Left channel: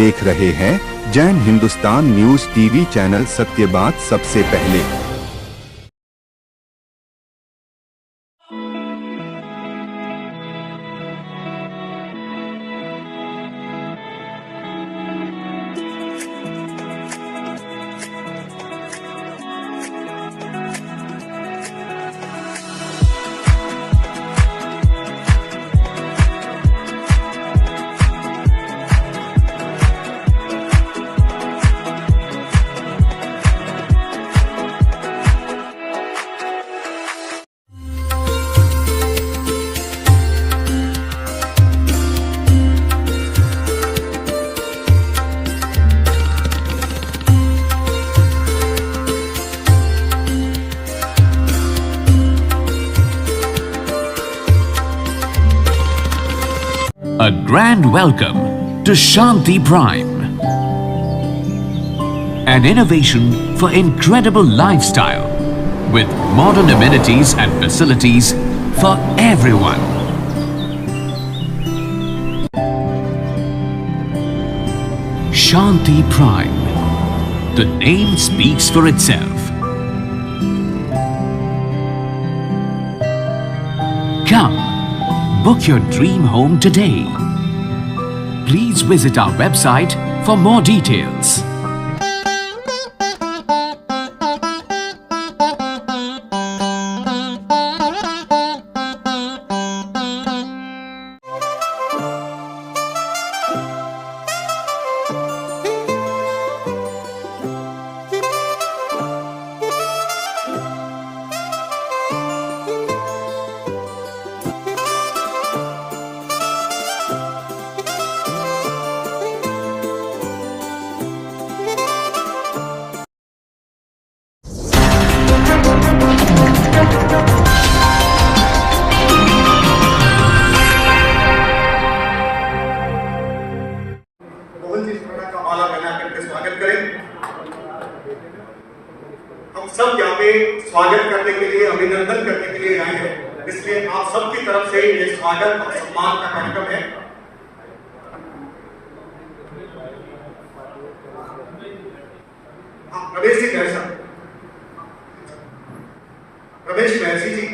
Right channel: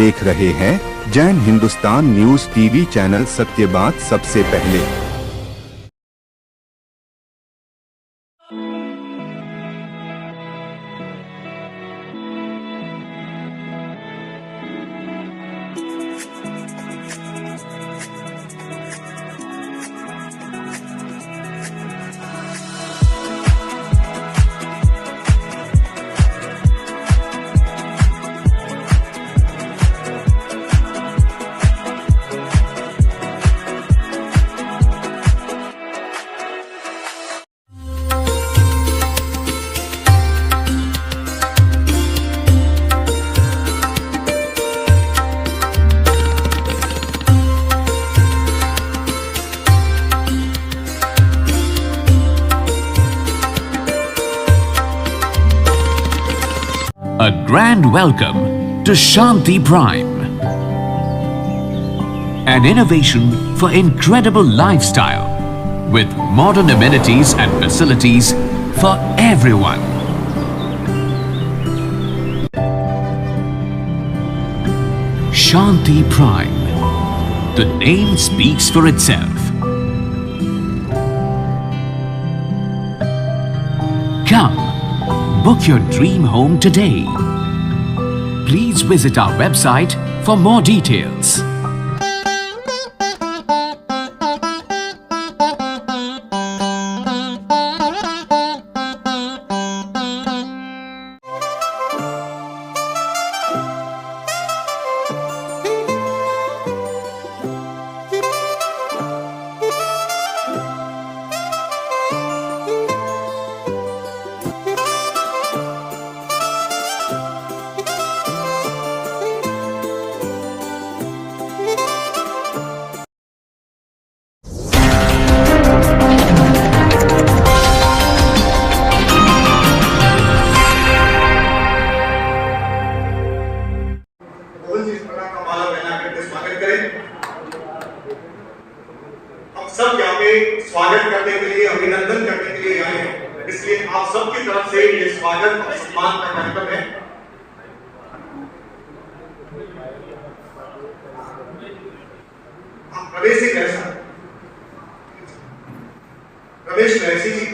देख रहे हैं Jain Hindustan news TV channel. सत्य बात सबसे पहले। A grand welcome to Shanti Prime, an innovation for incredible lifestyle with modern amenities and facilities for everyone. Shanti Prime, the name speaks for itself. Come, book your dream home today. Please visit our website for more details. हम सब यहाँ पे स्वागत करने के लिए, अभिनंदन करने के लिए आए हैं, इसलिए आप सबकी तरफ से ये स्वागत और सम्मान का कार्यक्रम है। प्रवेश जी कैसा? प्रवेश महर्षि जी,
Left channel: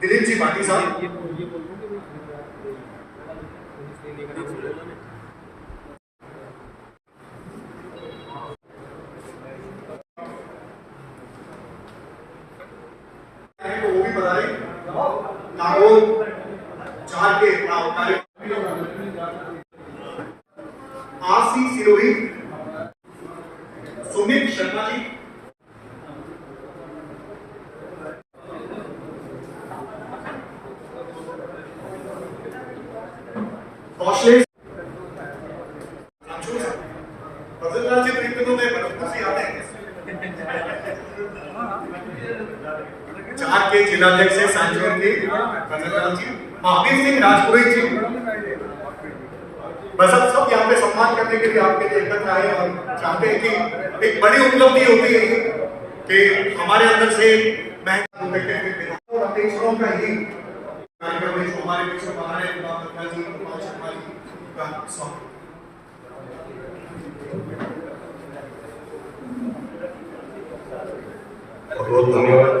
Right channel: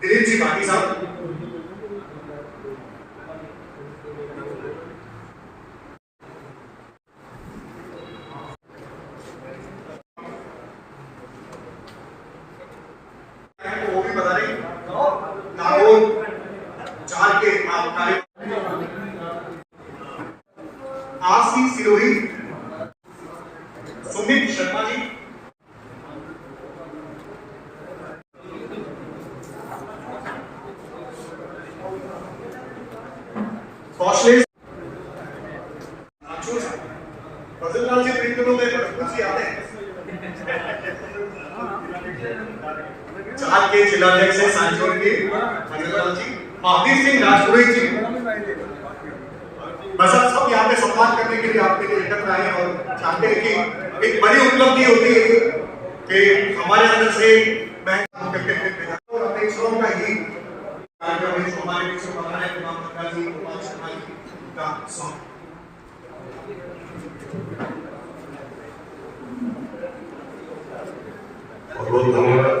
दिलीप जी भाटी साहब, वो भी बता रहे नागौर 4 के आरसी सिरोही, सुमित शर्मा जी, कौशलेश बजरलाल जी प्रीतम में खुशी आते हैं। 4 के जिलाध्यक्ष है सांचौर के बजरलाल जी, आबिद सिंह राजपुरोहित जी। बस अब सब यहाँ पे सम्मान करने के लिए आपके लिए एकत्र आए और चाहते हैं कि एक बड़ी उपलब्धि होती है कि हमारे अंदर से और अपेक्षाओं का ही कार्यक्रम है। हमारे बीच में हमारे गोपाल जी, गोपाल शर्मा जी का स्वागत। बहुत धन्यवाद।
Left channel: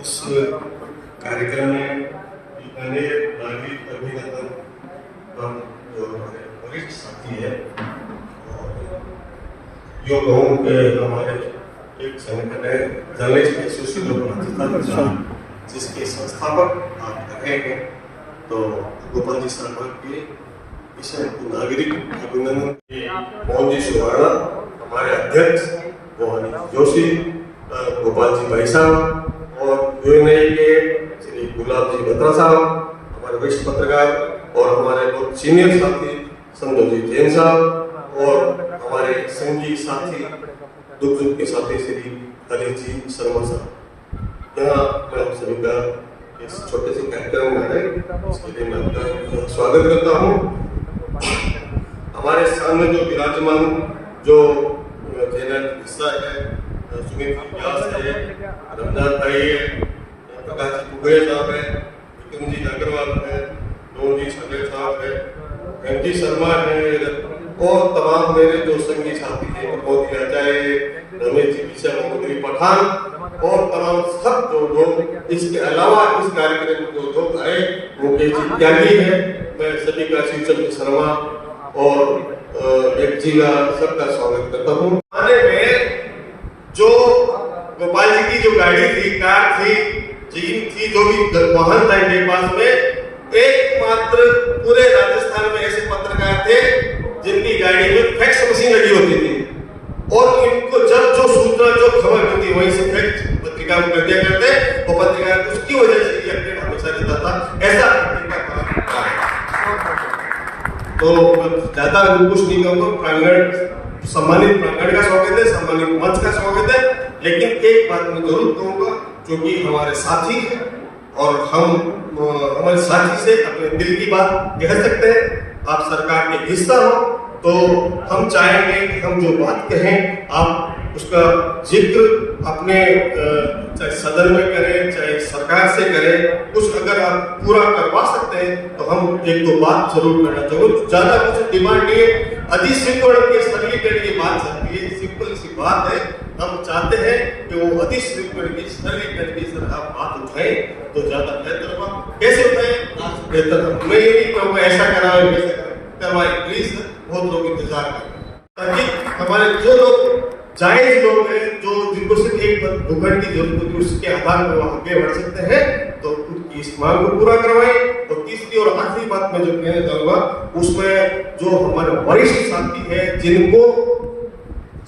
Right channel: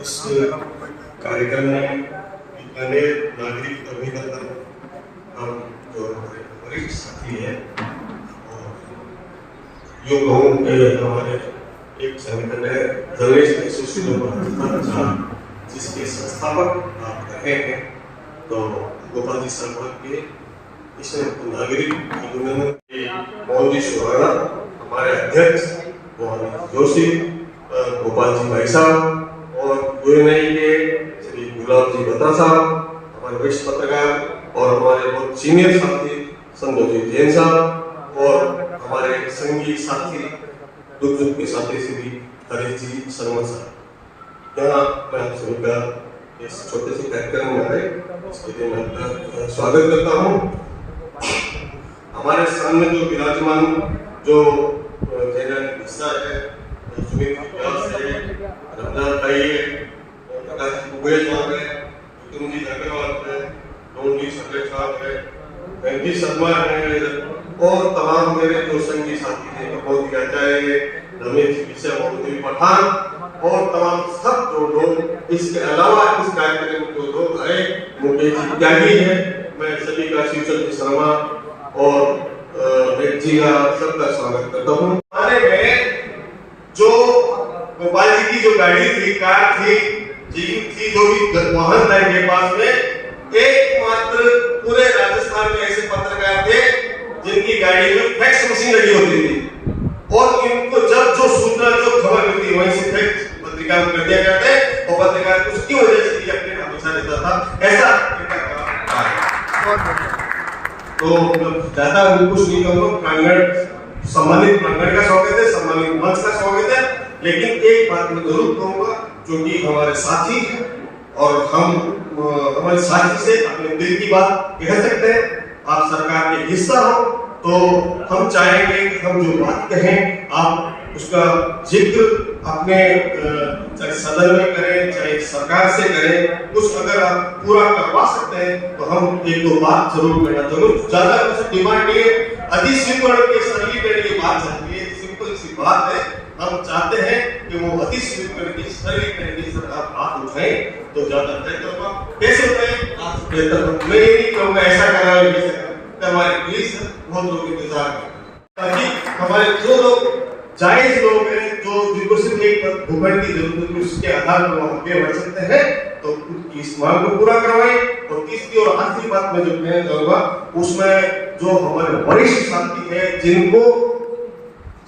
इस कार्यक्रम में इतने नागरिक अभिनंदन हम जो वरिष्ठ साथी है, जो कहूँ कि हमारे एक संगठन है जर्नलिस्ट एसोसिएशन जिसके संस्थापक आप रहे हैं, तो गोपाल जी शर्मा के इस नागरिक अभिनंदन के मोहन जी सुराणा, हमारे अध्यक्ष मोहन जोशी, गोपाल जी भाई साहब और यूएनआई के श्री गुलाब जी बत्रा साहब, हमारे वरिष्ठ पत्रकार और हमारे बहुत सीनियर साथी संजय जैन साहब और हमारे संघी साथी दुख के साथी श्री हरीश जी शर्मा साहब। यहाँ मैं आप सभी का इस छोटे से कार्यक्रम में आए, इसके लिए मैं आपका स्वागत करता हूँ। हमारे सामने जो विराजमान जो हिस्सा है, सुमित व्यास है, रमदान भाई है, प्रकाश कुबेर साहब है, कुंजी अग्रवाल है, रोजी संजय साहब है, एमजी शर्मा है और तमाम मेरे जो संगी साथी हैं, बहुत ही चाहे रमेश जी विषय मोहम्मद पठान और तमाम सब जो लोग, इसके अलावा इस कार्यक्रम में जो लोग आए वो जी त्यागी है, मैं सभी का शिवचंद्र शर्मा और एक जी का सबका स्वागत करता हूँ। हमारे में जो गोपाल जी की जो गाड़ी थी, कार थी, जीप थी, जो भी वाहन था इनके पास में, एकमात्र पूरे राजस्थान में ऐसे पत्रकार थे जिनकी गाड़ी में फैक्स मशीन लगी होती थी और इनको जब जो सूचना जो खबर मिलती वहीं से फैक्स पत्रिका को कर दिया करते और पत्रकार उसकी वजह से ये अपडेट हमेशा देता था। ऐसा पत्रिका है। तो ज्यादा कुछ नहीं कहूँगा, प्रांगण सम्मानित प्रांगण का स्वागत है, सम्मानित मंच का स्वागत है, लेकिन एक बात मैं जरूर कहूँगा जो कि हमारे साथी हैं और हम हमारे साथी से अपने दिल की बात कह सकते हैं। आप सरकार के हिस्सा हो तो हम चाहेंगे कि हम जो बात कहें आप उसका जिक्र अपने चाहे सदन में करें चाहे सरकार से करें, कुछ अगर आप पूरा करवा सकते हैं तो हम एक दो बात जरूर करना जरूर, ज्यादा कुछ डिमांड नहीं है, अधिस्वीकरण के सरलीकरण की बात चलती है, सिंपल सी बात है। हम चाहते हैं कि वो अधिस्वीकरण की सरलीकरण की सरकार बात उठाए तो ज्यादा बेहतर होगा। कैसे उठाए आज बेहतर हो, मैं ये नहीं कहूँगा ऐसा करवाए वैसा करवाए, प्लीज बहुत लोग इंतजार करें ताकि हमारे जो लोग जायज लोग हैं जो जिनको सिर्फ एक भूखंड की जरूरत है उसके आधार पर वो आगे बढ़ सकते हैं तो उनकी इस मांग को पूरा करवाएं। और तीसरी और आखिरी बात मैं जो कहना चाहूँगा उसमें जो हमारे वरिष्ठ साथी है जिनको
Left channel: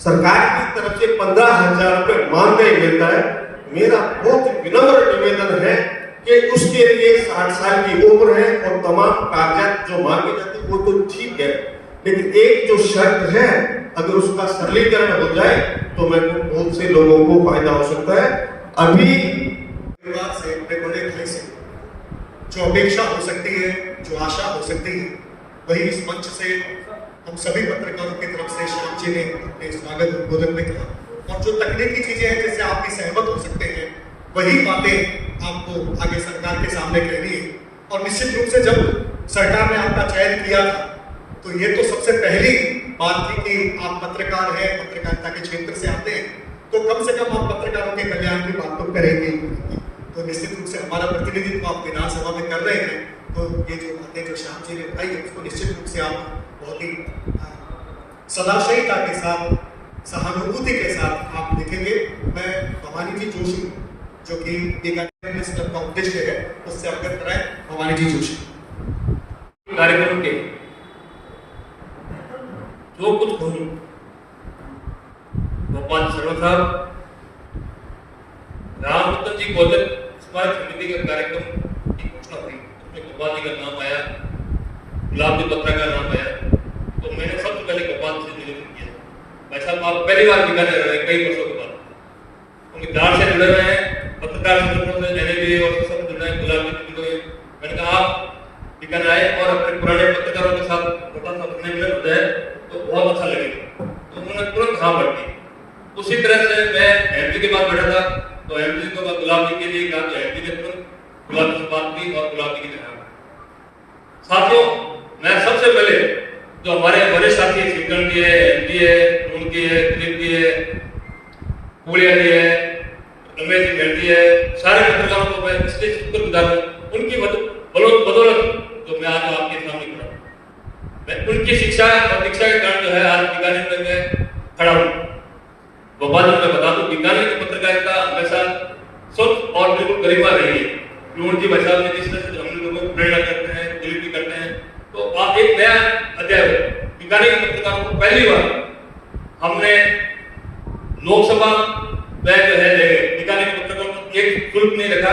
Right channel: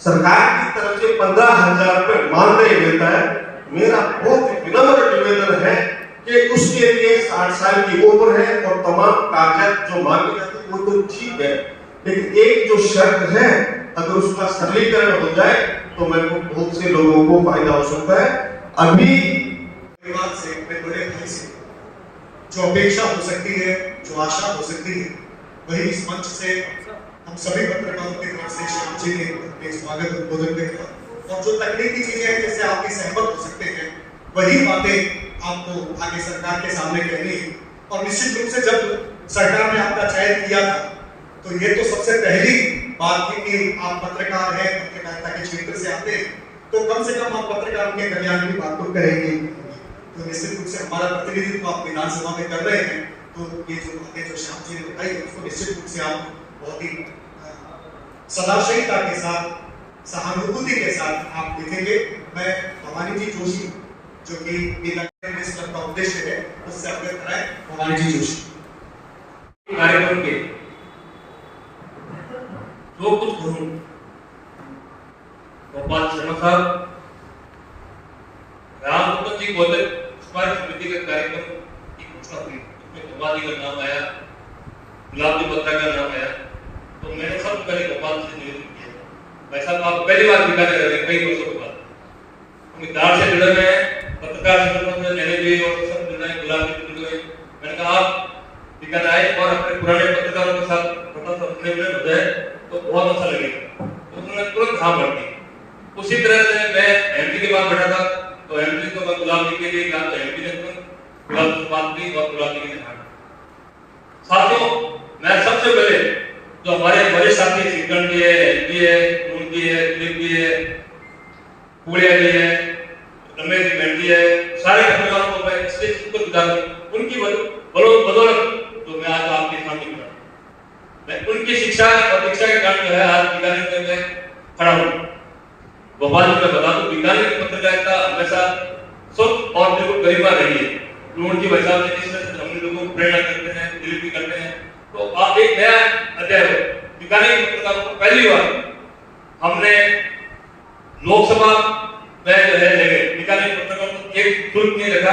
सरकार की तरफ से 15,000 रुपये मानदेय मिलता है, मेरा बहुत विनम्र निवेदन है कि उसके लिए 60 साल की उम्र है और तमाम कागजात जो मांगे जाते हैं वो तो ठीक है, लेकिन एक जो शर्त है अगर उसका सरलीकरण हो जाए तो मैं बहुत से लोगों को फायदा हो सकता है। अभी बात से बड़े भाई से जो अपेक्षा हो सकती है, जो आशा हो सकती है, वही इस मंच से हम सभी पत्रकारों की तरफ से श्याम जी ने अपने स्वागत उद्बोधन में कहा और जो तकनीकी चीजें हैं जिससे आपके सहमत हो सकते हैं वही बातें आपको आगे सरकार के सामने कहनी है। और निश्चित रूप से जब सरकार ने आपका चयन किया था तो ये तो सबसे पहली बात थी कि आप पत्रकार हैं, पत्रकारिता के क्षेत्र से आते हैं तो कम से कम आप पत्रकारों के कल्याण की बात तो करेंगे। तो निश्चित रूप से हमारा प्रतिनिधित्व आप विधानसभा में कर रहे हैं तो ये जो बातें जो श्याम जी ने बताई है उसको निश्चित रूप से आप बहुत ही सदाशयता के साथ, सहानुभूति के साथ आप देखेंगे। मैं भवानी जी जोशी जो कि इस का उद्देश्य है उससे अवगत कराएं। भवानी जी जोशी कार्यक्रम के जो कुछ कहूँ, गोपाल शर्मा साहब, रामरतन जी गौतम स्मारक समिति का कार्यक्रम की घोषणा हुई, उसमें गोपाल जी का नाम आया, गुलाब जी पत्रा का नाम आया, तो मैंने सबसे पहले गोपाल से निवेदन किया, भाई साहब आप पहली बार बीकानेर रह रहे हैं कई वर्षों बाद, हम इतिहास से जुड़े हुए हैं, पत्रकार संगठन से रहने भी और सब जुड़े हैं, गुलाब जी जुड़े हुए। मैंने कहा आप बीकानेर आए और अपने पुराने पत्रकारों के साथ बता सकने में हो जाए तो बहुत अच्छा लगेगा, तो उन्होंने तुरंत हाँ भर दी। उसी तरह से मैं एमपी के बाद बैठा था तो एमपी को मैं गुलाब जी के लिए कहा तो एमपी ने तुरंत गुलाब जी बात की और गुलाब जी ने कहा। साथियों, मैं सबसे पहले जो हमारे बड़े साथी सिकंद जी है, एमपी है, उनकी है, दिलीप जी है, पुलिया जी है, रमेश जी मेहंदी है, सारे पत्रकारों को मैं इसलिए शुक्रगुजार हूँ, उनकी बदौलत तो मैं आज आपके सामने खड़ा हूँ। मैं उनकी शिक्षा और दीक्षा के कारण जो है आज बीकानेर में मैं खड़ा हूँ। गोपाल जी मैं बता दूं, बीकानेर की पत्रकारिता हमेशा स्वच्छ और बिल्कुल गरिमा रही है। रोहन जी भाई साहब ने जिस तरह से हम लोगों को प्रेरणा करते हैं, दिलीप भी करते हैं, तो आप एक नया अध्याय हो। बीकानेर की पत्रकारों को पहली बार हमने लोकसभा में जो है बीकानेर की पत्रकारों को एक ग्रुप नहीं रखा,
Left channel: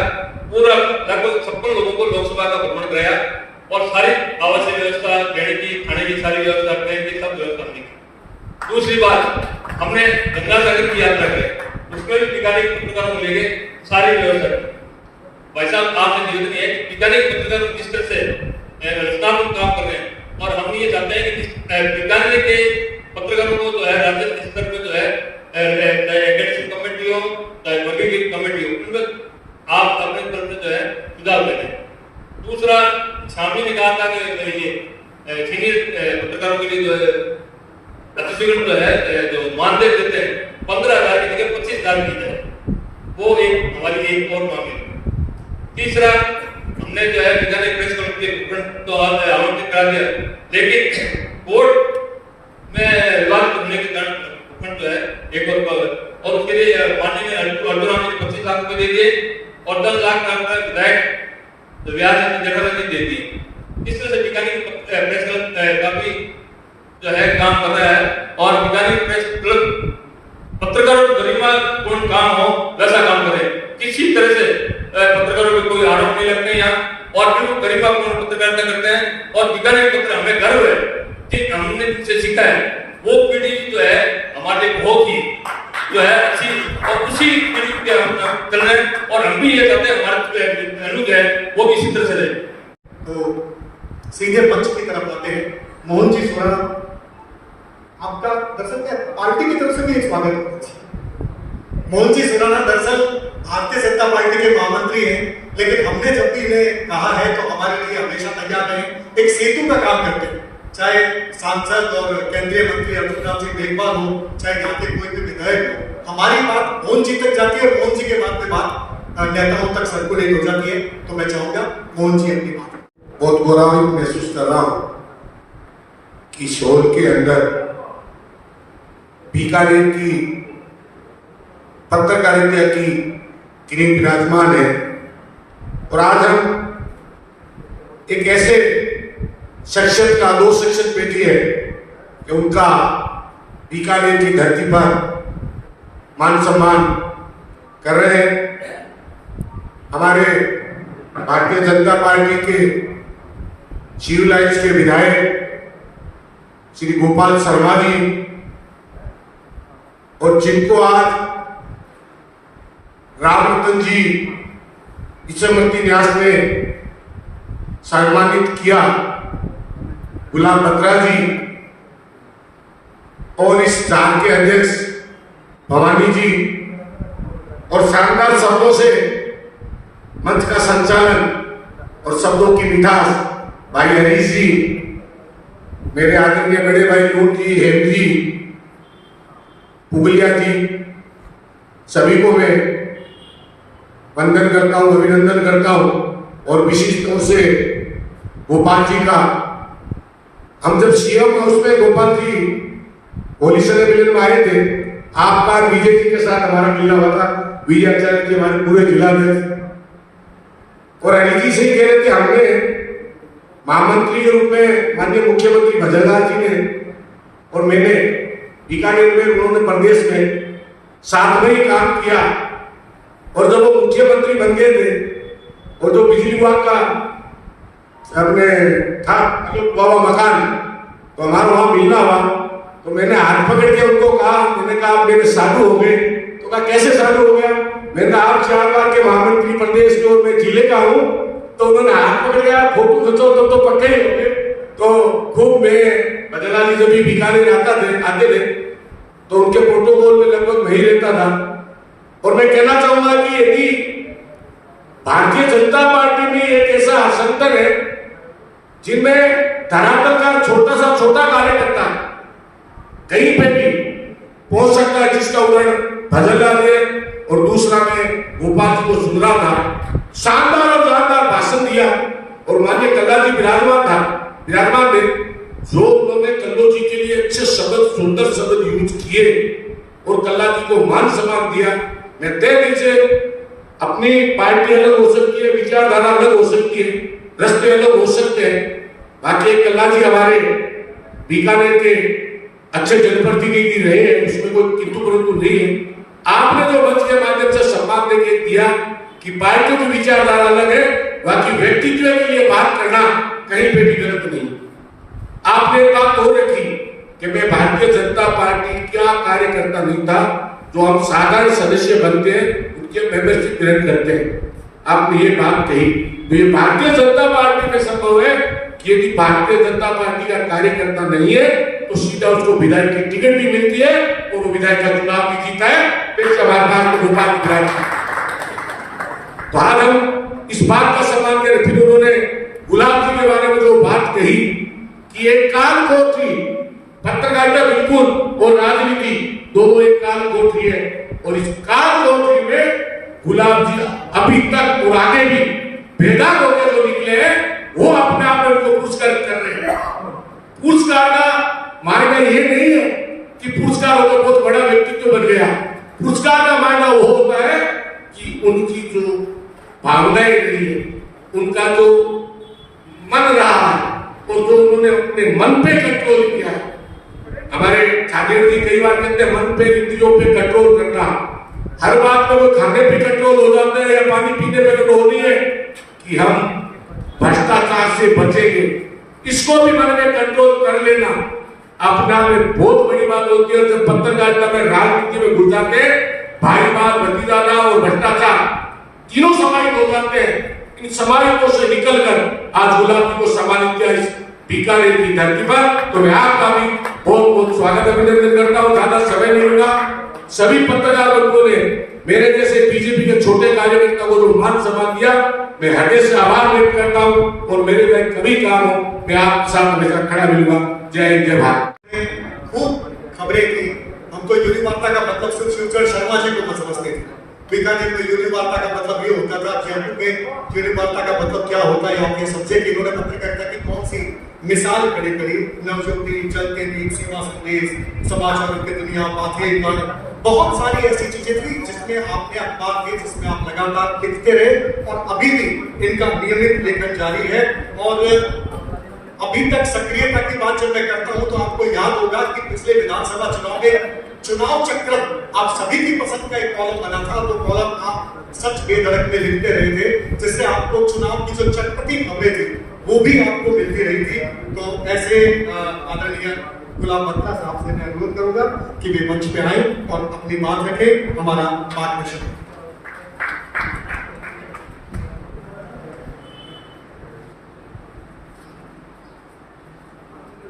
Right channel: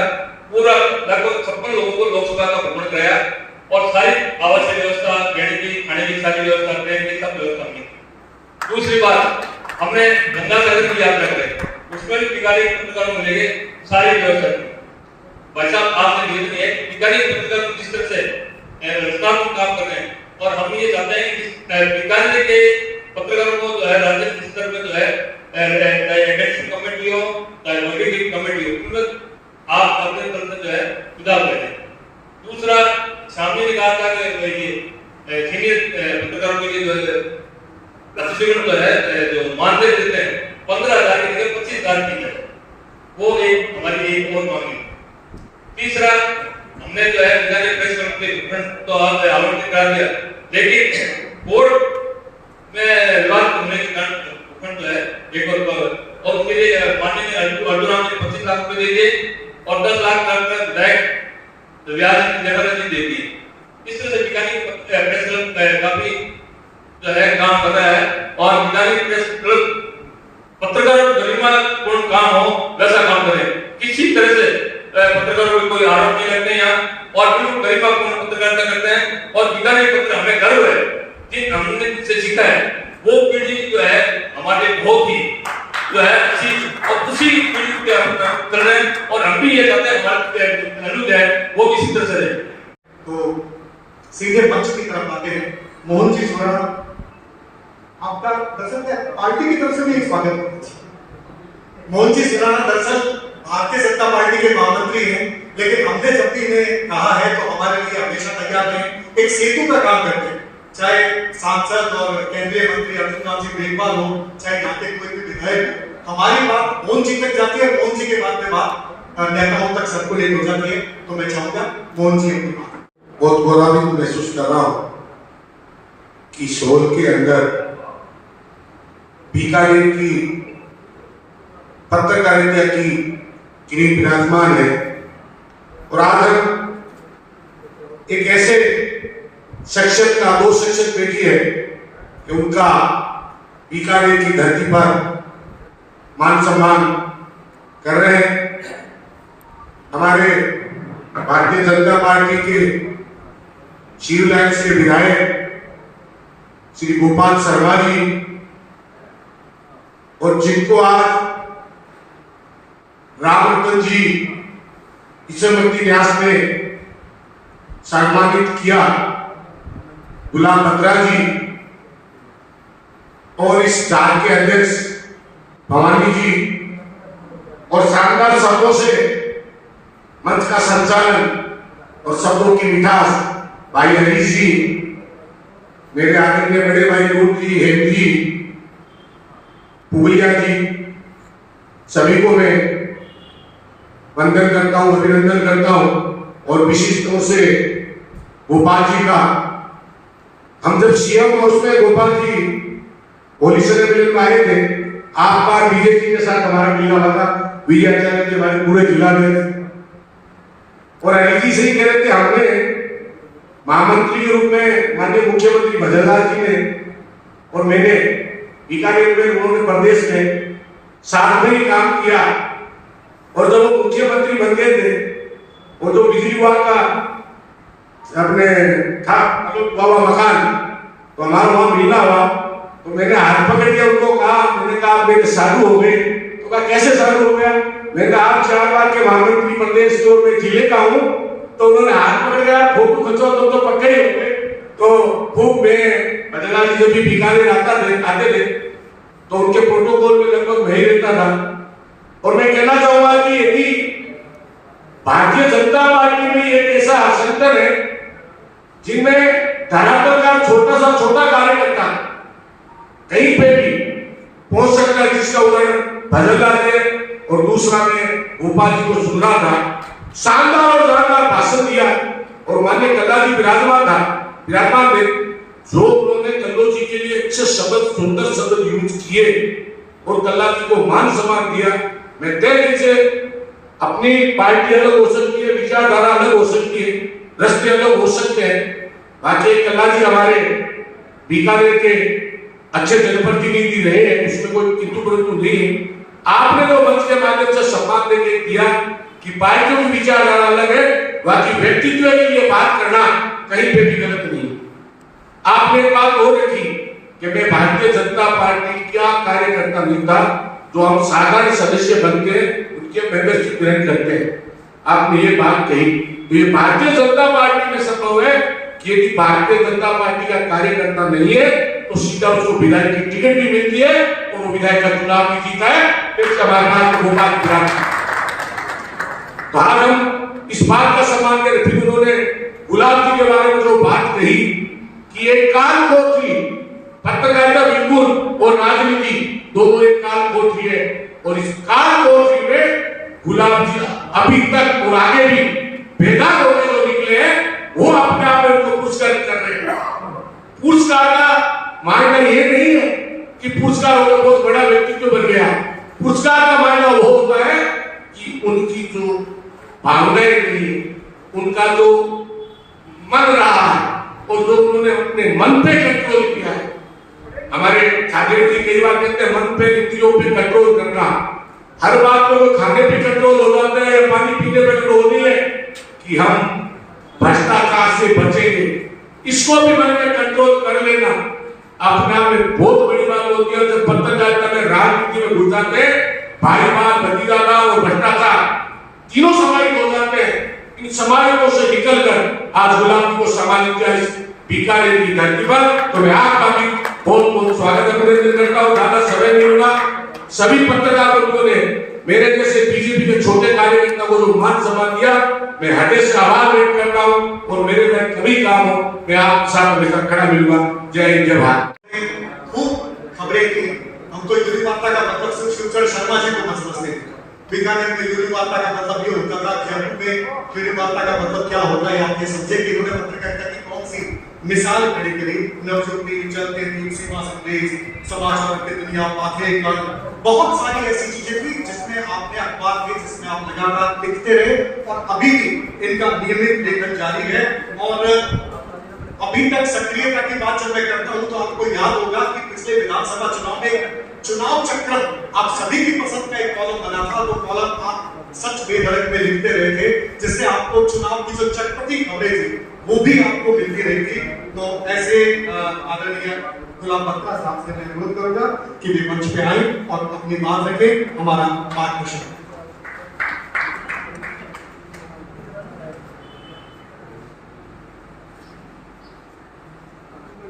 पूरा लगभग 56 लोगों को लोकसभा का भ्रमण कराया और सारी आवश्यक व्यवस्था, रहने की, खाने की सारी व्यवस्था, ट्रेन की सब व्यवस्था की। दूसरी बात, हमने गंगा सागर की यात्रा करी, उसमें भी बीकानेर पत्रकारों को लेके सारी व्यवस्था की। भाई साहब आपसे निवेदन है कि बीकानेर पत्रकारों किस तरह से रचनात्मक काम कर रहे हैं और हम ये चाहते हैं कि बीकानेर के पत्रकारों को जो है राज्य स्तर में जो है एकेडमिक कमेटी हो, चाहे वर्किंग कमेटी हो, उनमें आप अपने तरफ से जो है सुझाव दें। जो है जो मानदेय देते हैं 15,000 की जगह 25,000 की है, वो एक हमारी एक और मांग है। तीसरा, हमने जो है बीकानेर प्रेस क्लब के उपखंड तो आवंटित कर दिया, लेकिन बोर्ड में विवाद होने के कारण उपखंड जो है एक और उसके लिए माननीय अर्जुन ने 25 लाख रुपए दे दिए और 10 लाख का विधायक व्याज की जगह दे दी। इस तरह से बीकानेर प्रेस क्लब काफी जो है काम कर रहा है और बीकानेर प्रेस क्लब पत्रकारों को गरिमापूर्ण काम हो वैसा काम करे, किसी तरह से पत्रकारों को कोई आरोप नहीं लगते यहाँ और बिल्कुल गरिमापूर्ण पत्रकारिता करते हैं। और बीकानेर पत्र हमें गर्व है कि हमने जिनसे सीखा है वो पीढ़ी जो है हमारे बहुत ही जो है अच्छी और उसी पीढ़ी के हम चल रहे हैं और हम भी ये चाहते हैं हमारे जो है वो भी इसी तरह से रहे। तो सीधे मंच की तरफ आते हैं। मोहन जी सुराना, आपका दरअसल क्या पार्टी की तरफ से भी एक स्वागत है। मोहन जी सुराना दरअसल भारतीय जनता पार्टी के महामंत्री हैं, लेकिन हमने जब भी इन्हें कहा है तो हमारे लिए हमेशा तैयार रहे। एक सेतु का काम करते हैं, चाहे सांसद और केंद्रीय मंत्री अर्जुन राम सिंह मेघवाल हो, चाहे यहाँ के कोई भी विधायक हो, हमारी बात मोहन जी तक जाती है। मोहन जी के बाद में बात नेताओं तक सर्कुलेट हो जाती है। तो मैं चाहूंगा मोहन जी अपनी बात। बहुत गौरवान्वित महसूस कर रहा हूं कि शोर के अंदर बीकानेर की पत्रकारिता की किरण विराजमान है और आज हम एक ऐसे शख्सियत का दो शख्सियत बैठी है कि उनका बीकानेर की धरती पर मान सम्मान कर रहे हैं। हमारे भारतीय जनता पार्टी के सिविल लाइन्स के विधायक श्री गोपाल शर्मा जी और जिनको आज रामरतन जी इसमती न्यास ने सम्मानित किया, गुलाम बत्रा जी और इस डाल के अध्यक्ष भवानी जी और शानदार शब्दों से मंच का संचालन और शब्दों की मिठास भाई हरीश जी, मेरे आदरणीय बड़े भाई नूर जी, हेम जी, पुगलिया जी, सभी को मैं वंदन करता हूं, अभिनंदन करता हूं। और विशेष तौर से गोपाल जी का, हम जब सीएम हाउस में गोपाल जी होली सेलिब्रेशन में आए थे, आपका विजय जी के साथ हमारा मिलना हुआ था, विजयाचार्य जी हमारे पूरे जिला में, और अनिल जी से ही कह रहे थे हमने महामंत्री के रूप में माननीय मुख्यमंत्री भजनलाल जी ने और मैंने बीकानेर में, उन्होंने प्रदेश में साथ में ही काम किया। और जब वो मुख्यमंत्री बन गए थे और जो बिजली विभाग का अपने था बाबा मकान, तो हमारा वहां मिलना हुआ, तो मैंने हाथ पकड़ के उनको कहा, मैंने कहा मेरे साधु हो गए। तो कहा कैसे साधु हो गया? मैंने कहा आप 4 बार के महामंत्री प्रदेश के और मैं जिले का हूँ। तो उन्होंने हाथ पकड़ गया, फोटो खींचो तो पक्के ही हो गए। तो खूब मैं भजनलाल जी जब भी बीकानेर आते थे तो उनके प्रोटोकॉल में लगभग मैं ही रहता था। और मैं कहना चाहूंगा कि यदि भारतीय जनता पार्टी में एक ऐसा संगठन है जिनमें धरातल का छोटा कार्यकर्ता कहीं पे भी पहुंच सकता है, जिसका उदाहरण भजनलाल है और दूसरा में गोपाल जी को सुन रहा था, शानदार और शानदार भाषण दिया। और माननीय कल्ला जी विराजमान थे, जो उन्होंने कल्लो जी के लिए अच्छे शब्द, सुंदर शब्द यूज किए और कल्ला जी को मान सम्मान दिया। मैं तय दिल से, अपनी पार्टी अलग हो सकती है, विचारधारा अलग हो सकती है, रास्ते अलग हो सकते हैं, बाकी कल्ला जी हमारे बीकानेर के अच्छे जनप्रतिनिधि रहे हैं, उसमें कोई किंतु परंतु नहीं है। आपने जो मंच के माध्यम से सम्मान देके दिया कि पार्टियों की विचारधारा अलग है, बाकी व्यक्तित्व के लिए बात करना कहीं पे भी गलत नहीं। आपने एक बात और रखी कि मैं भारतीय जनता पार्टी का कार्यकर्ता नहीं था, जो हम साधारण सदस्य बनते हैं उनके मेंबरशिप ग्रहण करते हैं। आपने ये बात कही, तो ये भारतीय जनता पार्टी में संभव है कि यदि भारतीय जनता पार्टी का कार्यकर्ता नहीं है तो सीधा उसको विधायक की टिकट भी मिलती है और वो विधायक का चुनाव भी जीता है। तो आज हम इस बात का सम्मान करें। फिर उन्होंने गुलाब जी के बारे में जो बात कही कि एक काल को थी पत्रकारिता बिल्कुल और राजनीति दोनों एक काल कोठरी है, और इस काल कोठरी में गुलाब जी अभी तक और आगे भी बेदाग होकर जो निकले हैं, वो अपने आप में उनको पुरस्कृत कर रहे हैं। पुरस्कार का मायना ये नहीं है कि पुरस्कार होगा बहुत बड़ा व्यक्तित्व बन गया। पुरस्कार का मायना वो होता है कि उनकी जो भावनाएं रही है, उनका जो मन रहा है, और जो उन्होंने अपने मन पे कंट्रोल किया है। हमारे छात्र जी कई बार कहते हैं मन पे इंद्रियों पे कंट्रोल करना। हर बात पर खाने पे कंट्रोल हो जाता है, पानी पीने पे कंट्रोल नहीं है कि हम भ्रष्टाचार से बचेंगे। इसको भी मन में कंट्रोल कर लेना अपना में बहुत बड़ी बात होती है। जब पत्रकारिता में राजनीति में घुस जाते हैं, भाईवाद, भतीजाना और भ्रष्टाचार तीनों समाहित हो जाते हैं। इन समाहितों से निकलकर आज गुलाब जी को सम्मानित किया इस बीकानेर की धरती पर, तो मैं आपका भी बहुत बहुत स्वागत अभिनंदन करता हूँ। ज्यादा समय नहीं होगा। सभी पत्रकार बंधुओं ने मेरे जैसे बीजेपी के छोटे कार्यकर्ता को जो मान सम्मान दिया, मैं हृदय से आभार व्यक्त करता हूँ, और मेरे लिए कभी काम हो मैं आपके साथ हमेशा खड़ा मिलूंगा। जय हिंद, जय भारत। खूब खबरें थी। हम तो यूनि वार्ता का मतलब सिर्फ शिवचरण शर्मा जी को समझते थे। बीकानेर में यूनि वार्ता का मतलब ये होता था, जयपुर में यूनि वार्ता का मतलब क्या होता है, आपके सब्जेक्ट इन्होंने पत्रकारिता की कौन सी मिसाल खड़ी करी। नवज्योति, चलते दीप, सेवा संदेश, समाचार की दुनिया, पाथे गान, बहुत सारी ऐसी चीजें थी जिसमें आपने अखबार के, जिसमें आप लगातार लिखते रहे, और अभी भी इनका नियमित लेखन जारी है। और अभी तक सक्रियता की बात जब मैं करता हूं तो आपको याद होगा कि पिछले विधानसभा चुनाव में चुनाव चक्र आप सभी की पसंद का एक कॉलम बना था। वो कॉलम आप सच बेधड़क में लिखते रहे थे, जिससे आपको चुनाव की जो चटपटी खबरें थी वो भी आपको मिलती रही थी। तो ऐसे आदरणीय गुलाब बत्ता साहब से मैं अनुरोध करूंगा कि वे मंच पे आए और अपनी बात रखें, हमारा मार्गदर्शन।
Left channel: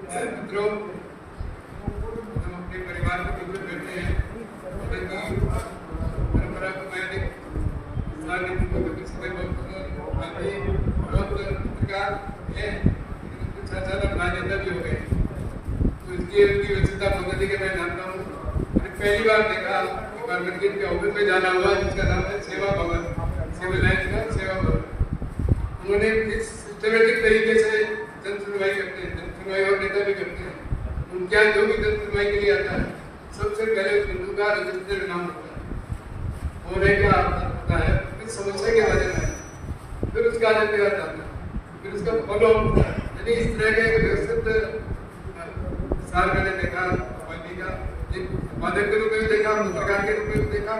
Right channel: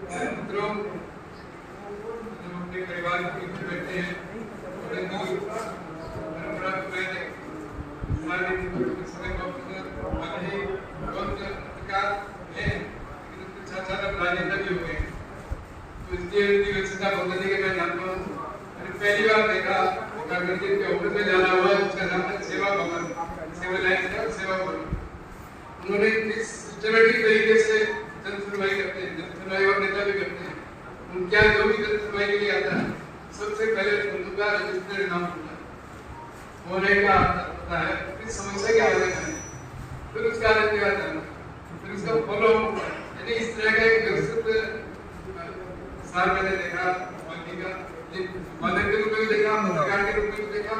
मित्रों, हम अपने परिवार के बीच में बैठे हैं। परंपरा को मैंने समय बहुत पत्रकार है, साथ साथ राजनेता भी हो गए, तो इसकी व्यवस्था बदलने के मैं जानता हूँ। मैंने पहली बार देखा के ऑफिस में जाना हुआ, जिसका नाम है सेवा भवन, सेवा भवन। उन्होंने किस सिस्टमेटिक तरीके से जन सुनवाई करते हैं, जन सुनवाई और नेता भी करते हैं। उनके यहाँ जो भी जन सुनवाई के लिए आता है, सबसे पहले उनका रजिस्टर्ड नाम होता है, होने का होता है, फिर समस्या के बारे में, फिर उसका निपटारा करना, फिर उसका फॉलो अप होता है। यानी इस तरह का एक व्यवस्थित साल मैंने देखा पार्टी का, एक माध्यम के रूप में देखा, पत्रकार के रूप में देखा,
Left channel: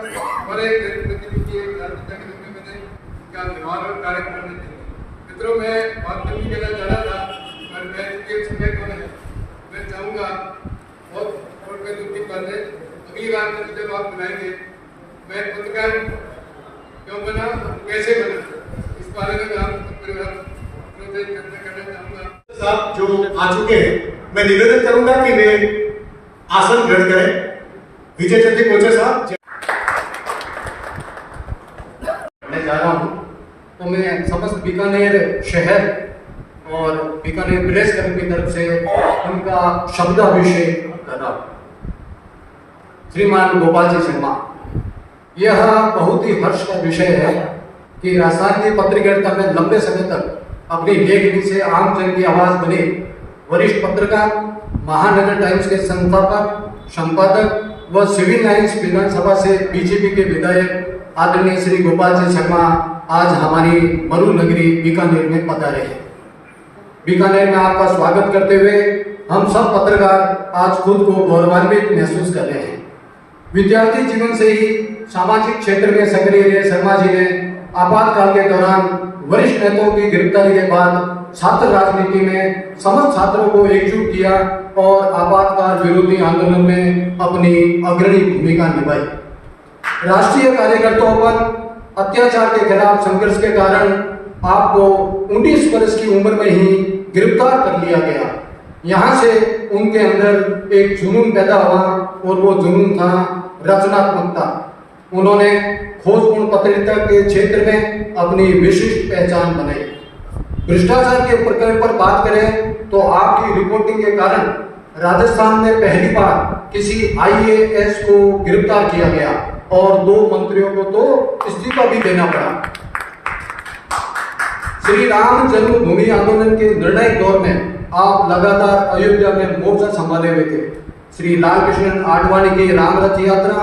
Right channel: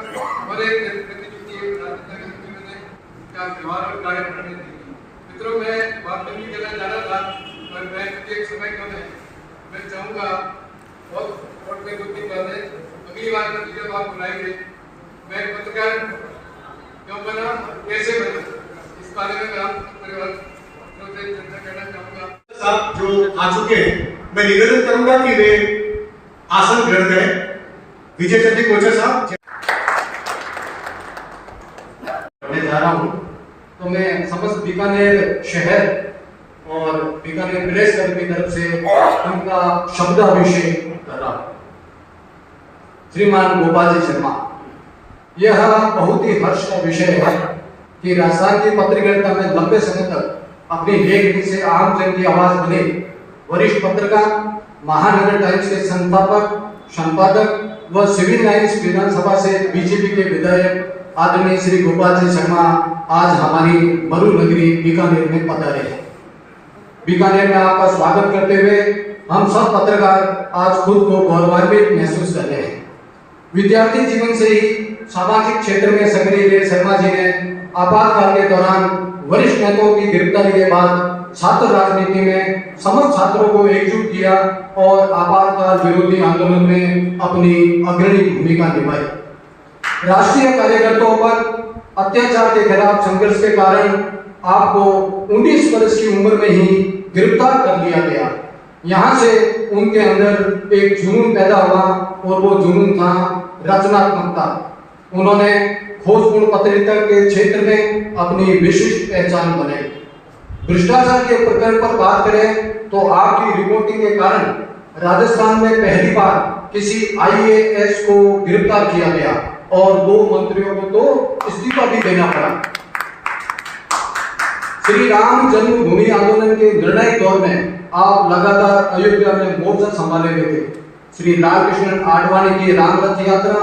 और एक जनप्रतिनिधि राजनेता के रूप में मैंने क्या व्यवहार और कार्य करने देखी। मित्रों, मैं बात नहीं कहना चाह रहा था, पर मैं एक समय कम है, मैं चाहूँगा बहुत मैं दुखी बात है, अगली बार जब आप बुलाएंगे, मैं पत्रकार क्यों बना, कैसे बना, इस बारे में हम परिवार से चर्चा करना चाहूँगा। साहब जो आ चुके हैं, मैं निवेदन करूंगा कि वे आसन ग्रहण करें। विजय चंद्र कोचर साहब मैं जा रहा हूँ, तो मैं समस्त बीकानेर शहर और बीकानेर प्रेस क्लब की तरफ से उनका शब्दाभिषेक कर रहा हूँ। श्रीमान गोपाल जी शर्मा, यह बहुत ही हर्ष का विषय है कि राजस्थान की पत्रकारिता में लंबे समय तक अपनी लेखनी से आम जन की आवाज बने वरिष्ठ पत्रकार, महानगर टाइम्स के संस्थापक, संपादक व सिविल लाइन्स विधानसभा से बीजेपी के विधायक आदरणीय श्री गोपाल जी शर्मा आज हमारी मरु नगरी बीकानेर में पधारे हैं। बीकानेर में आपका स्वागत करते हुए हम सब पत्रकार आज खुद को गौरवान्वित महसूस कर रहे हैं। विद्यार्थी जीवन से ही सामाजिक क्षेत्र में सक्रिय रहे शर्मा जी ने आपातकाल के दौरान वरिष्ठ नेताओं की गिरफ्तारी के बाद छात्र राजनीति में समस्त छात्रों को एकजुट किया और आपातकाल विरोधी आंदोलन में अपनी अग्रणी भूमिका निभाई। राष्ट्रीय कार्यकर्ताओं पर अत्याचार के खिलाफ संघर्ष के कारण आपको 19 वर्ष की उम्र में ही गिरफ्तार कर लिया गया। यहाँ से उनके अंदर एक जुनून पैदा हुआ और वो जुनून था रचनात्मकता। उन्होंने खोजपूर्ण पत्रकारिता के क्षेत्र में अपनी विशिष्ट पहचान बनाई। भ्रष्टाचार के प्रकरण पर बात करें तो आपकी रिपोर्टिंग के कारण राजस्थान में पहली बार किसी IAS को गिरफ्तार किया गया और 2 मंत्रियों को तो इस्तीफा भी देना पड़ा। श्री राम जन्मभूमि आंदोलन के निर्णायक दौर में आप लगातार अयोध्या में मोर्चा संभाले हुए थे। श्री लालकृष्ण आडवाणी की राम रथ यात्रा,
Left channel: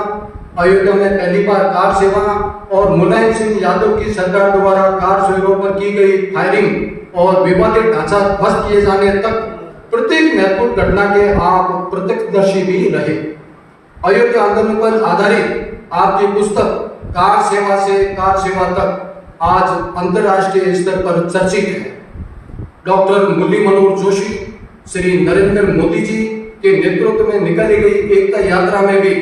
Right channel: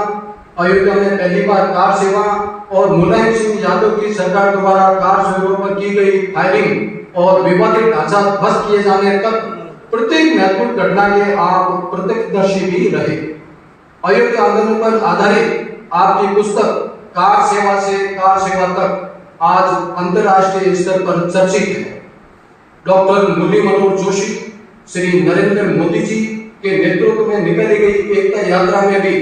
अयोध्या में पहली बार कार सेवा और मुलायम सिंह यादव की सरकार द्वारा कार सेवाओं पर की गई फायरिंग और विवादित ढांचा ध्वस्त किए जाने तक प्रत्येक महत्वपूर्ण घटना के आप प्रत्यक्षदर्शी भी रहे। अयोध्या आंदोलन पर आधारित आपकी पुस्तक कार सेवा से कार सेवा तक आज अंतर्राष्ट्रीय स्तर पर चर्चित है। डॉक्टर मुरली मनोहर जोशी, श्री नरेंद्र मोदी जी के नेतृत्व में निकाली गई एकता यात्रा में भी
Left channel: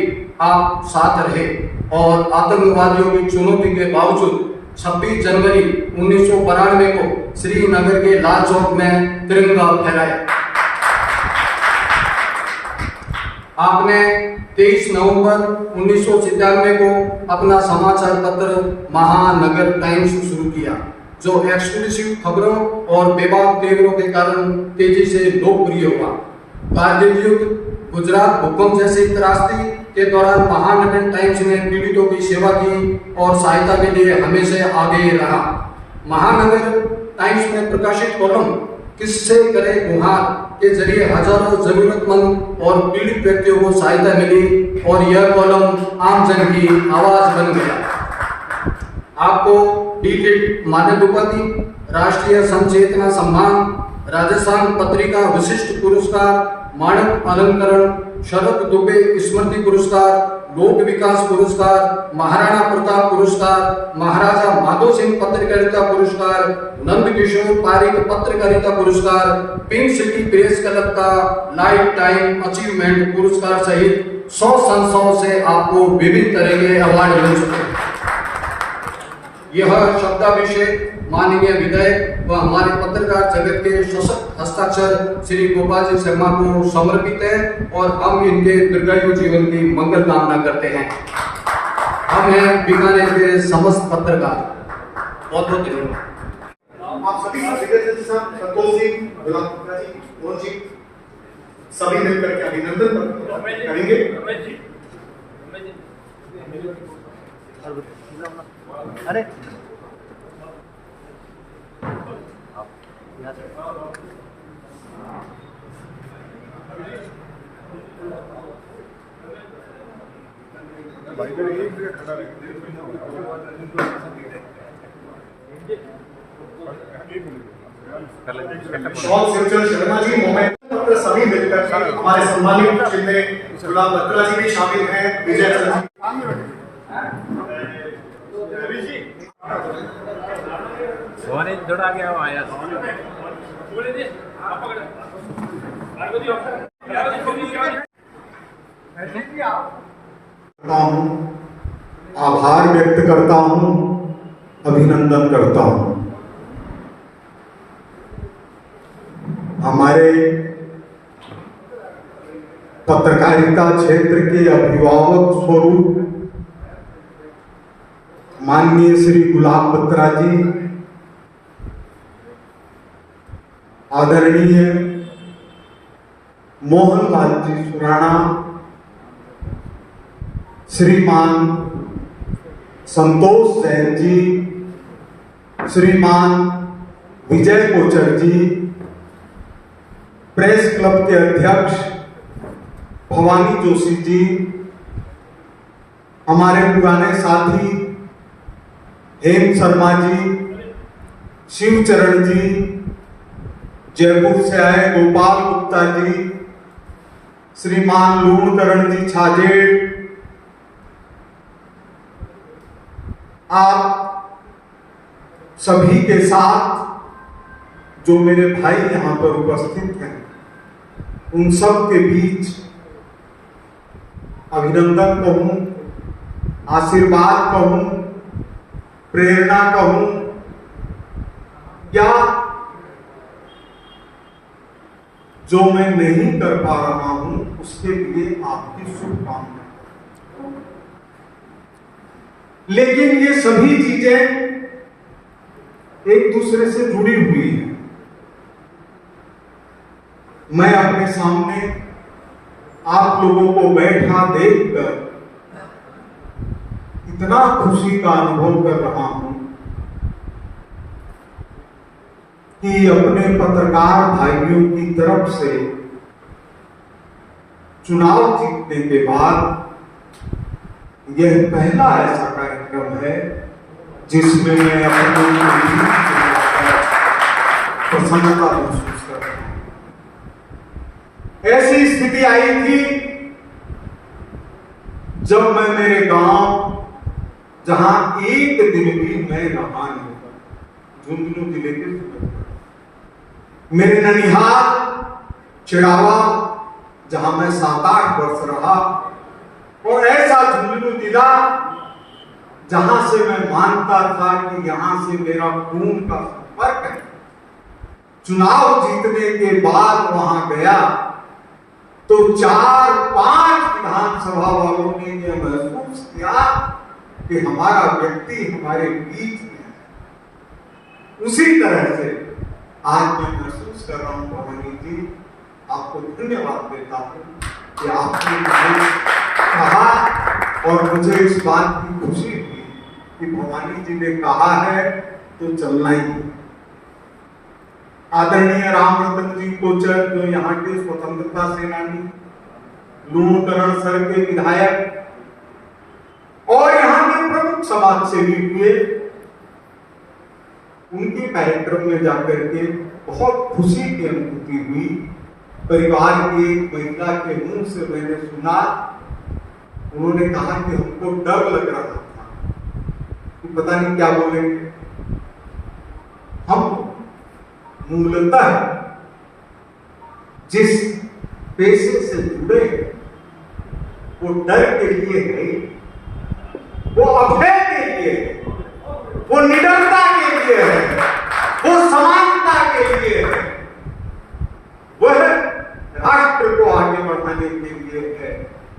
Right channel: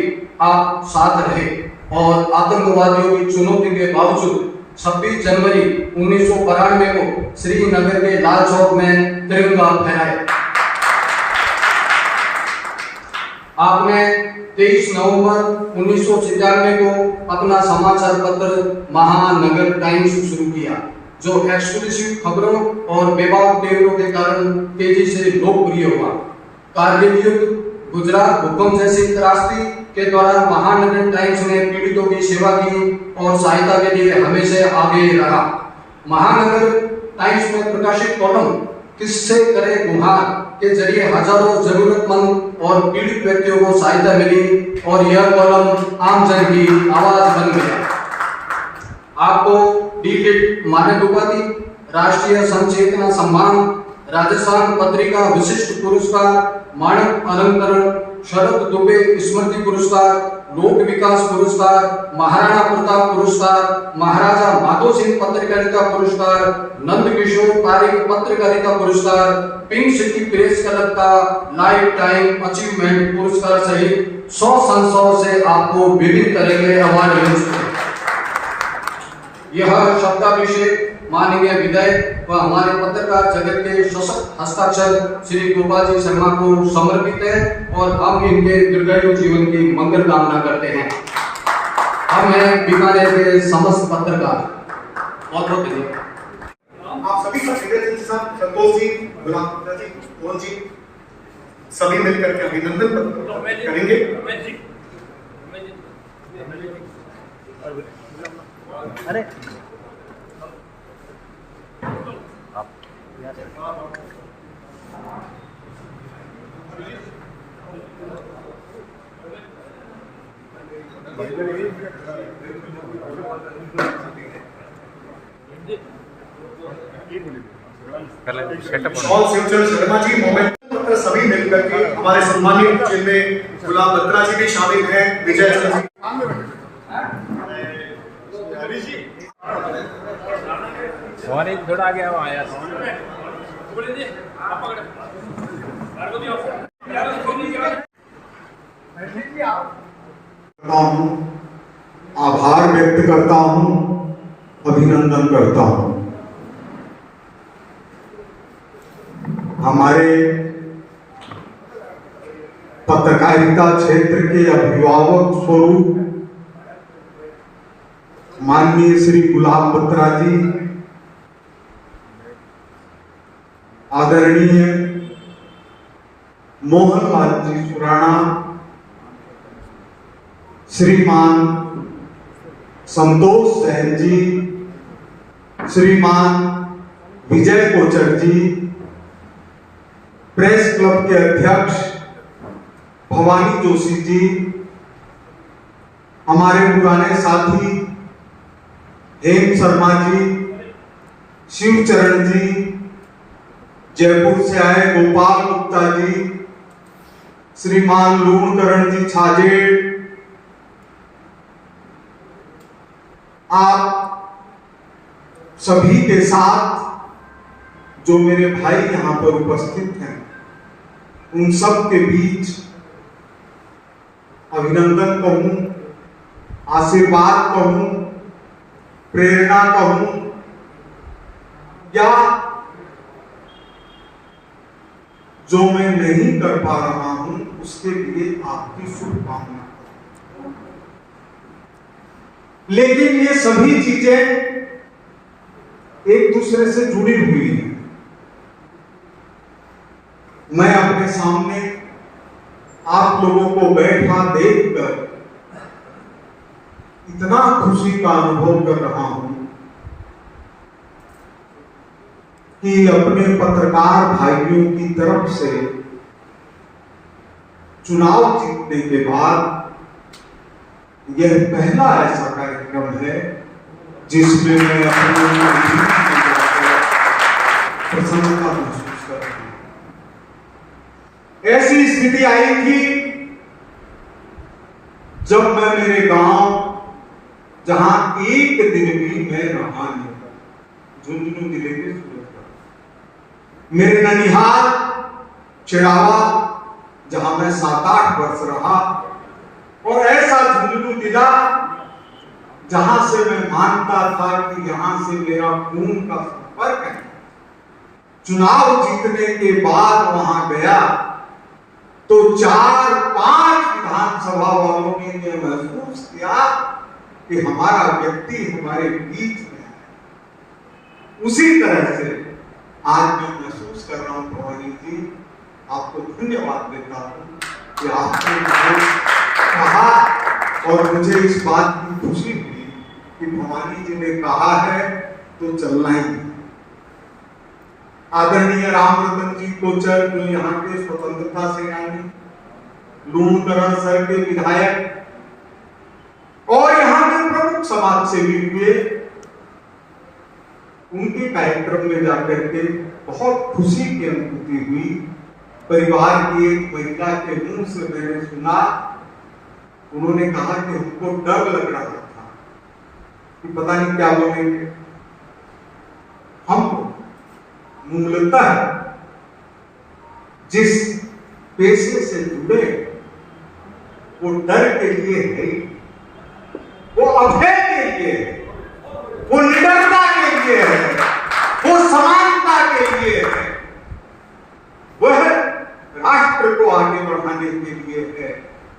आप साथ रहे और आतंकवादियों की चुनौती के बावजूद 26 जनवरी 1992 को श्रीनगर के लाल चौक में तिरंगा फहराया। आपने 23 नवंबर 1997 को अपना समाचार पत्र महानगर टाइम्स शुरू किया, जो एक्सक्लूसिव खबरों और बेबाक पेपरों के कारण तेजी से लोकप्रिय हुआ। कारगिल युद्ध, गुजरात भूकंप जैसी त्रासदी के दौरान महानगर टाइम्स ने पीड़ितों की सेवा की और सहायता के लिए हमेशा आगे रहा। महानगर टाइम्स में प्रकाशित कॉलम किससे करे गुहार के जरिए हजारों जरूरतमंद और पीड़ित व्यक्तियों को सहायता मिली और यह कॉलम आम जन की आवाज बन गया। आपको डी.लिट मानद उपाधि, राष्ट्रीय संचेतना सम्मान, राजस्थान पत्रिका विशिष्ट पुरस्कार, मानक अलंकरण, शरद दुबे स्मृति पुरस्कार, लोक विकास पुरस्कार, महाराणा प्रताप पुरस्कार, महाराजा माधो सिंह पत्रकारिता पुरस्कार, नंद किशोर पारिक पत्रकारिता पुरस्कार, पिंक सिटी प्रेस क्लब का लाइफ टाइम अचीवमेंट पुरस्कार सहित 100 संस्थाओं से आपको विभिन्न तरह के अवार्ड मिल चुके हैं। यह शब्दाभिषेक माननीय विधायक व हमारे पत्रकार जगत के सशक्त हस्ताक्षर श्री गोपाल जी शर्मा को समर्पित है और हम इनके दीर्घायु जीवन की मंगल कामना करते हैं। हम हैं बीकानेर के समस्त पत्रकार। बहुत बहुत धन्यवाद। आप सभी का संतोष जी, गुलाम गुप्ता जी, मोहन जी, सभी मिलकर के अभिनंदन करेंगे। अरे शर्मा जी, मोहम्मद सभी मिलकर के हमारे सम्मानित जिनमें गुलाम बत्रा जी भी शामिल हैं, विजय सर जी, थोड़ा आगे आओ आया। आभार व्यक्त करता हूं, अभिनंदन करता हूं। हमारे पत्रकारिता क्षेत्र के अभिभावक स्वरूप माननीय श्री गुलाम बत्रा जी, आदरणीय मोहनलाल जी सुराणा, श्रीमान संतोष जैन जी, श्रीमान विजय कोचर जी, प्रेस क्लब के अध्यक्ष भवानी जोशी जी, हमारे पुराने साथी हेम शर्मा जी, शिवचरण जी, जयपुर से आए गोपाल गुप्ता जी, श्रीमान लूणकरण जी छाजेड़, आप सभी के साथ जो मेरे भाई यहाँ पर उपस्थित हैं, उन सब के बीच अभिनंदन कहूं, आशीर्वाद कहूं, प्रेरणा कहूं या जो मैं नहीं कर पा रहा हूं उसके लिए आपकी शुभकामना। लेकिन ये सभी चीजें एक दूसरे से जुड़ी हुई हैं। मैं अपने सामने आप लोगों को बैठा देखकर इतना खुशी का अनुभव कर रहा हूं कि अपने पत्रकार भाइयों की तरफ से चुनाव जीतने के बाद यह पहला ऐसा कार्यक्रम है जिसमें मैं अपनी प्रसन्नता महसूस कर रहा हूं। ऐसी स्थिति आई थी जब मैं मेरे गांव, जहां एक दिन भी मैं रहा नहीं, झुंझुनू जिले के सूरत, मेरे ननिहाल चिड़ावा, जहां मैं 7-8 वर्ष रहा, और ऐसा झुंझुनू जिला जहां से मैं मानता था कि यहां से मेरा खून का संपर्क है। चुनाव जीतने के बाद वहां गया तो 4-5 विधानसभा वालों ने यह महसूस किया कि हमारा व्यक्ति हमारे बीच में है। उसी तरह से आज मैं महसूस कर रहा हूं भवानी जी, आपको धन्यवाद देता हूं कि आपने मुझे कहा और मुझे इस बात की खुशी हुई कि भवानी जी ने कहा है तो चलना ही है। आदरणीय रामरतन जी कोचर, जो यहाँ के स्वतंत्रता सेनानी, लूणकरण सर के विधायक और यहाँ के प्रमुख समाज सेवी हुए, उनके कार्यक्रम में जाकर के बहुत खुशी की अनुभूति हुई। परिवार की एक महिला के मुंह से मैंने सुना, उन्होंने कहा कि हमको डर लग रहा था कि पता नहीं क्या बोलेंगे। हम मूलतः जिस पेशे से जुड़े वो डर के लिए है, वो अभय के लिए है, वो निडरता के लिए है, वो समानता के लिए है, वह राष्ट्र को आगे बढ़ाने के लिए है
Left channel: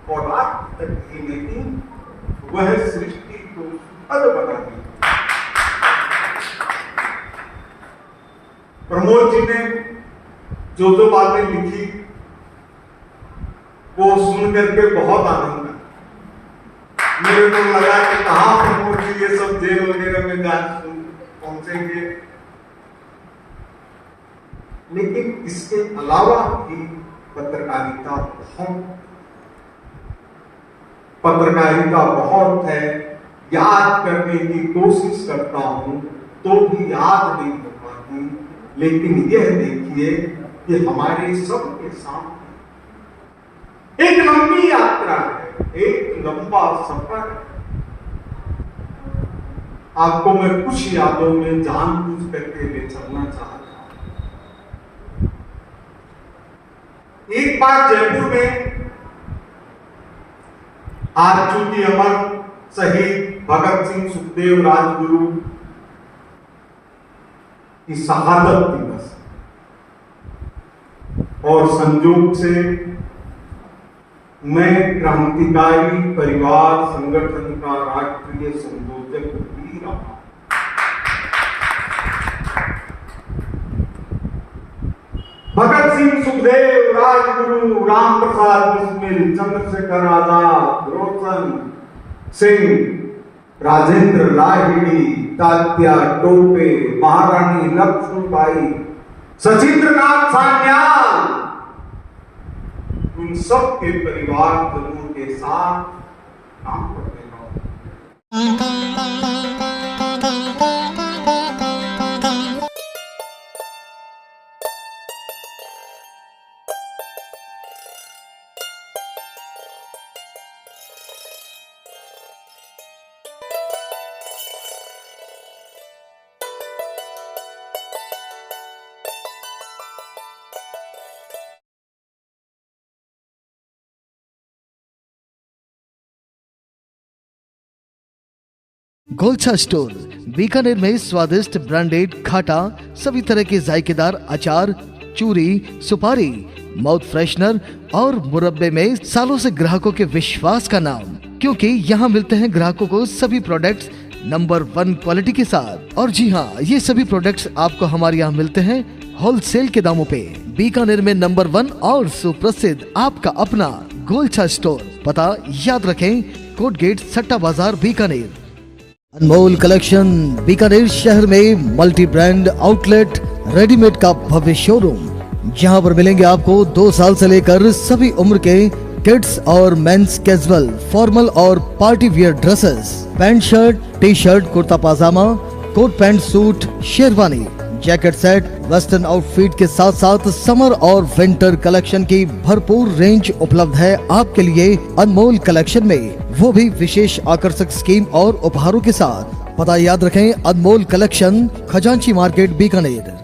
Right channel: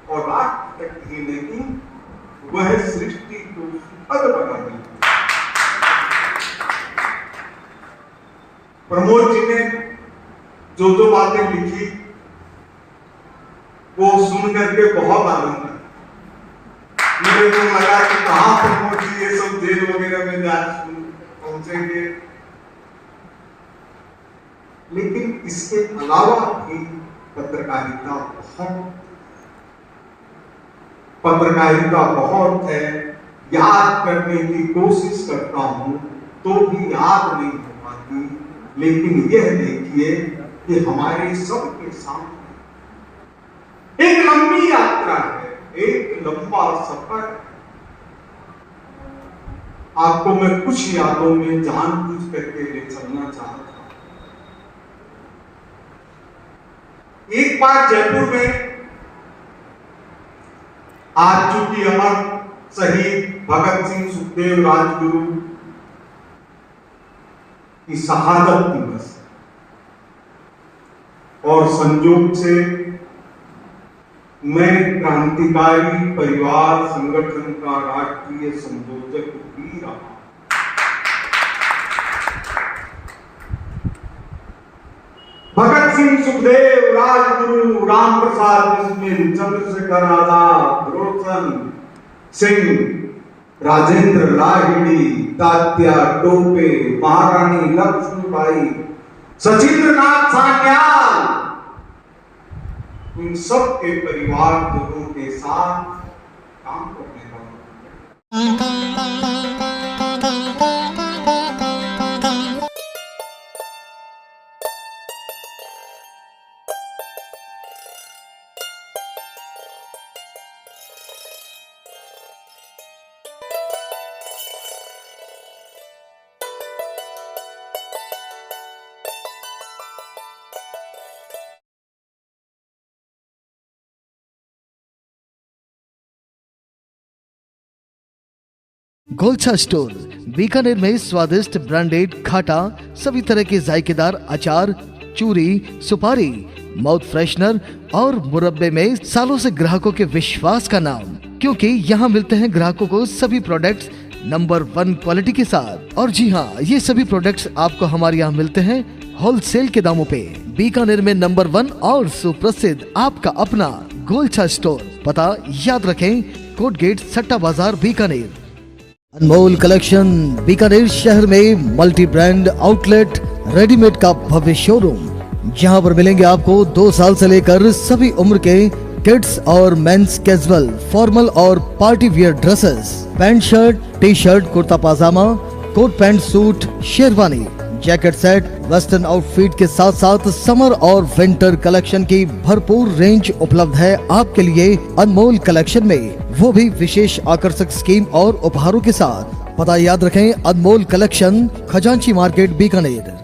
और राष्ट्र तक ही नहीं, वह सृष्टि को सुखद बनाने। प्रमोद जी ने जो बातें लिखी वो सुन करके बहुत आनंद आया। मेरे को लगा कि कहाँ प्रमोद जी ये सब जेल वगैरह में जा पहुंचेंगे, लेकिन इसके अलावा भी पत्रकारिता बहुत है। याद करने की कोशिश करता हूं तो भी याद नहीं कर पाती, लेकिन यह देखिए कि हमारे सबके सामने एक लंबी यात्रा है, एक लंबा सफर है। आपको मैं कुछ यादों में जानबूझ करके ले चलना चाहता हूं। एक बार जयपुर में आज चूंकि अमर शहीद भगत सिंह सुखदेव राजगुरु की शहादत दिवस और संयोग से मैं क्रांतिकारी परिवार संगठन का राष्ट्रीय संयोजक भी रहा। भगत सिंह सुखदेव राजगुरु राम प्रसाद बिस्मिल चंद्रशेखर आजाद रोशन सिंह राजेंद्र लाहिड़ी तात्या टोपे महारानी लक्ष्मीबाई सचिंद्रनाथ सान्याल, उन सब के परिवारजनों के साथ काम करने वाला गोलछा स्टोर बीकानेर में स्वादिष्ट ब्रांडेड खाटा, सभी तरह के जायकेदार अचार, चूरी, सुपारी, माउथ फ्रेशनर और मुरब्बे में सालों से ग्राहकों के विश्वास का नाम, क्योंकि यहाँ मिलते हैं ग्राहकों को सभी प्रोडक्ट्स नंबर 1 क्वालिटी के साथ। और जी हाँ, ये सभी प्रोडक्ट्स आपको हमारे यहाँ मिलते हैं होलसेल के दामों पे। बीकानेर में नंबर 1 और सुप्रसिद्ध आपका अपना गोलछा स्टोर, पता याद रखें, कोट गेट, सट्टा बाजार, बीकानेर। अनमोल कलेक्शन बीकानेर शहर में मल्टी ब्रांड आउटलेट रेडीमेड का भव्य शोरूम, जहां पर मिलेंगे आपको 2 साल से लेकर सभी उम्र के किड्स और मेंस कैजुअल, फॉर्मल और party wear dresses, pant shirt, T shirt, kurta pajama, coat pant suit, sherwani, jacket set, western outfit के साथ साथ समर और विंटर कलेक्शन की भरपूर रेंज उपलब्ध है आपके लिए अनमोल कलेक्शन में, वो भी विशेष आकर्षक स्कीम और उपहारों के साथ। पता याद रखें, अनमोल कलेक्शन, खजांची मार्केट, बीकानेर।